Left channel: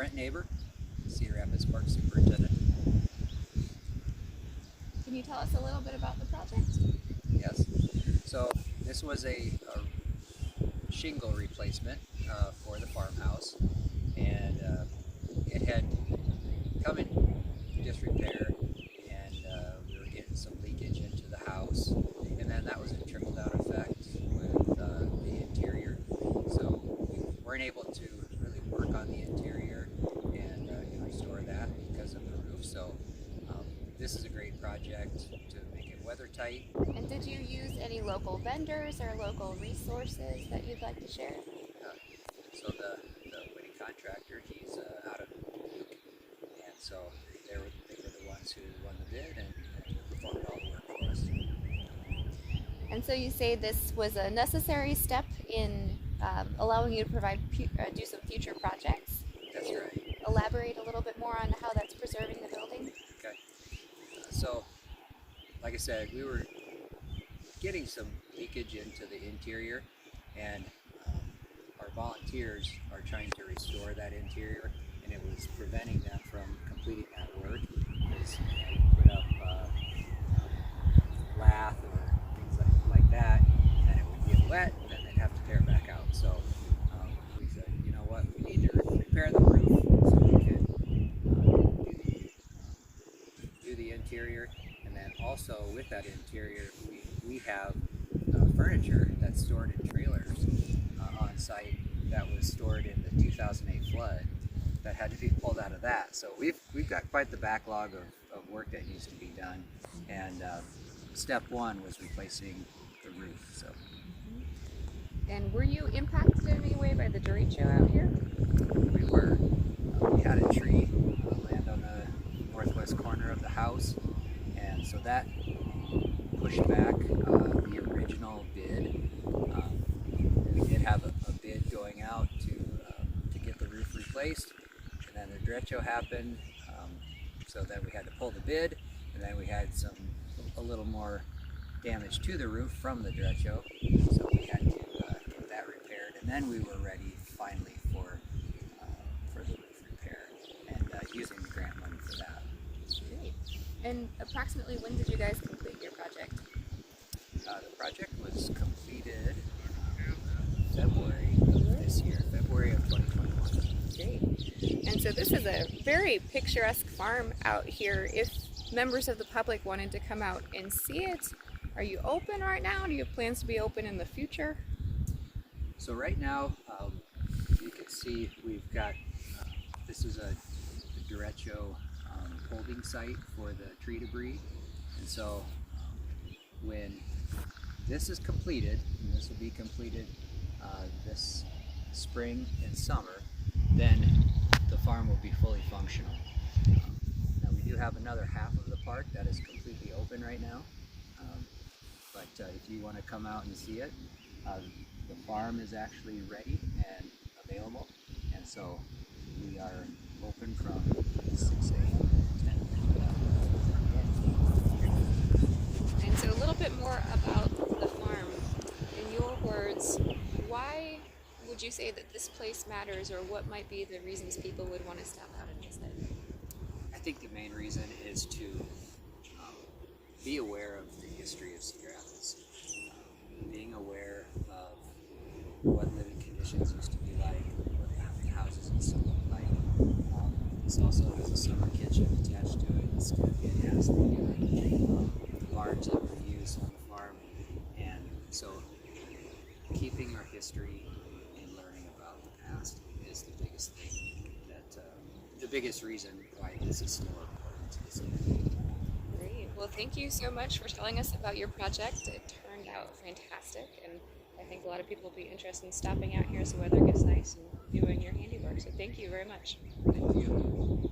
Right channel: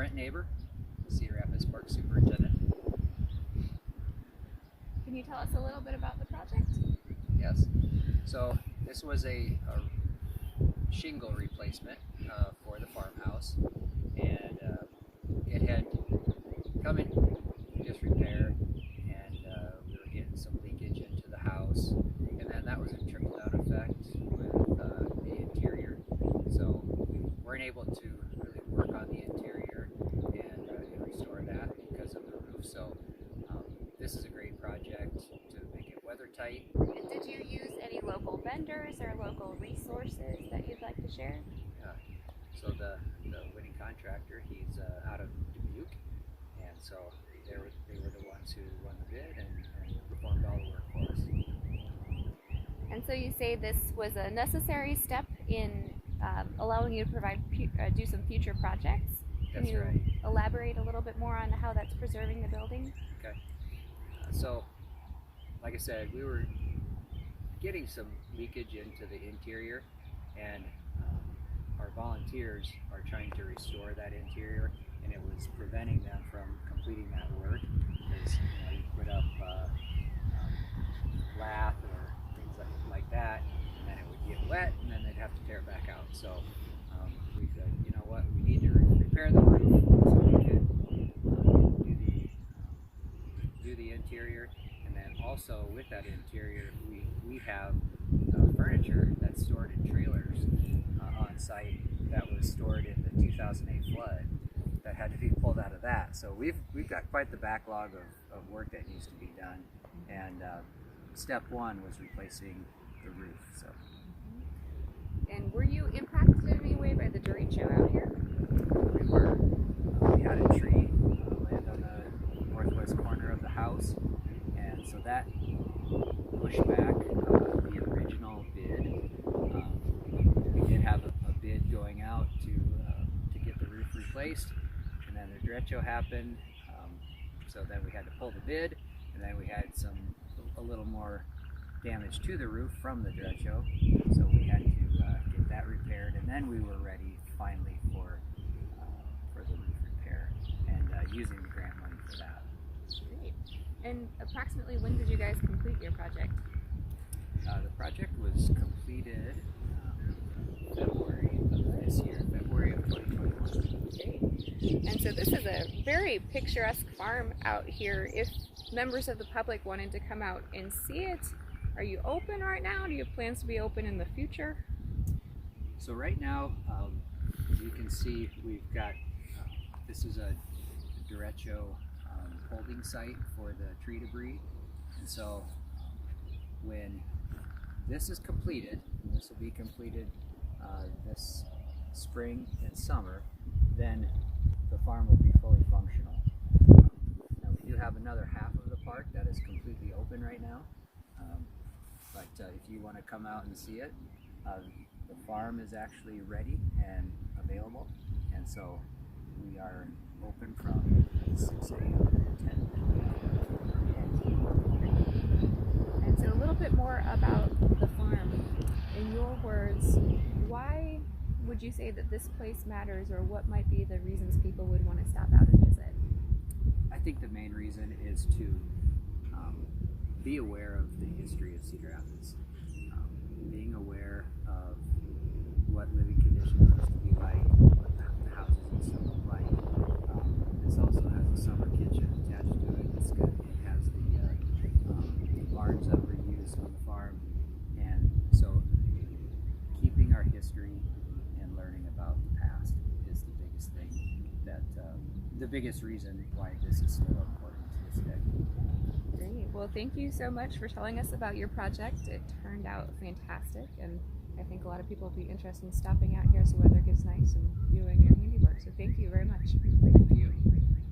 Brent neighbor, Cedar Rapids Park Superintendent. Can you tell us a little bit about the project? Yes. So this was a shingle replacement for the farmhouse, and it had come in disrepair, and we were getting some leakage into the house, and then that was a trickle-down effect with the interior. So we weren't able to really work on the interior and restore that because of the roof. So this is a great project to make it weather tight. And did you use any local vendors or local resources that you'd like to share? So the winning contractor, he's out of Dubuque, and so they were the ones who won the bid and performed all the work for us. And so you say this was a necessary step in allowing you to do some future projects. That's right. Elaborate a little bit more on how that's preserving the building? Okay. So, like I said, we were getting some leakage into the interior, and our volunteers are trying to restore that interior, and it was preventing them from completing that work. Because you put up lath or things like that, and then it would get wet, and then they'd have to tear it back out. So we said, you know what, we need to repair the roof so we could do the interior. And then also with that interior, we have furniture that's stored in trailers on site that was stored in the 2008 flood that had to be pulled out of that. So we've got quite the backlog of work that needs to be done. And step one was replacing the roof. So. And were you impacted in any way by the derecho out here? We were. We had a tree land on the northwest corner of the house, and so that pushed back the original bid. We did have a bid going out to get the roof replaced, and then the derecho happened, so then we had to pull the bid, and then we had a little more damage to the roof from the derecho, so we had to get that repaired, and then we were ready finally for the roof repair and using the grant money for that. Great. And approximately when did you guys complete your project? The project was completed in February of this year, February of 2021. Great. And so this is a very picturesque farm out here. If members of the public wanted to come out and see it, are you open right now? Do you have plans to be open in the future? So right now, you can see we've got, this is a derecho holding site for the tree debris. And so when this is completed, and this will be completed this spring and summer, then the farm will be fully functional. Now we do have another half of the park that is completely open right now. But if you want to come out and see it, the farm is actually ready and available, and so we are open from 6 a.m. to 10 p.m. And so a little bit more about the farm. In your words, why would you say that this place matters, or what might be the reasons people would want to stop out and visit? I think the main reason is to be aware of the history of Cedar Rapids, being aware of what living conditions used to be like, what the houses used to look like. This also has a summer kitchen attached to it. It has the barns that were used on the farm, and so keeping our history and learning about the past is the biggest thing the biggest reason why this is still important to this day. Great. Well, thank you so much for telling us about your project. It turned out fantastic, and I think a lot of people will be interested in stopping out here so weather gets nice and doing your handiwork. So thank you very much. Thank you.